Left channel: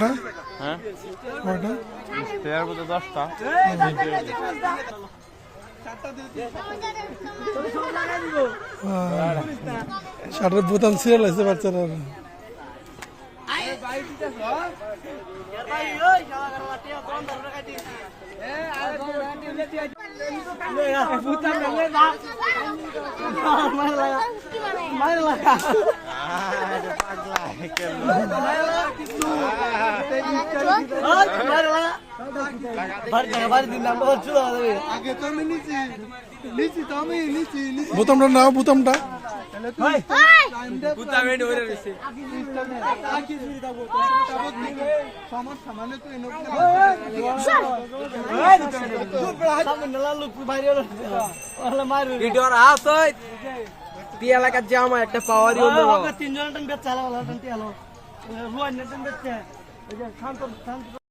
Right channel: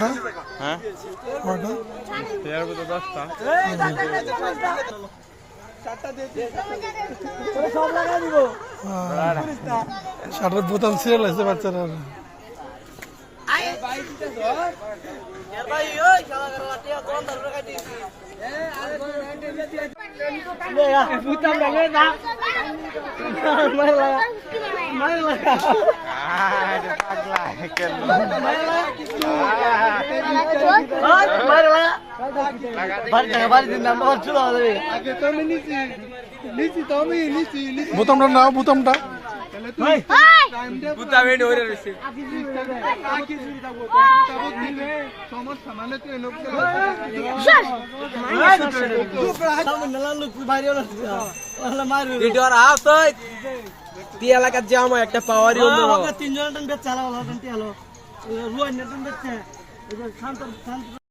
হ্যাঁ কয়টা? তেয়ার মতো 10টা। শার্টের বোতাম ছিঁড়ে লাগছে বাচ্চারা। পাগলা কেন বোতামটা নাও, বোতামটা এলাকার যে আমার একটা পাওয়ারই তিনজন বেচছে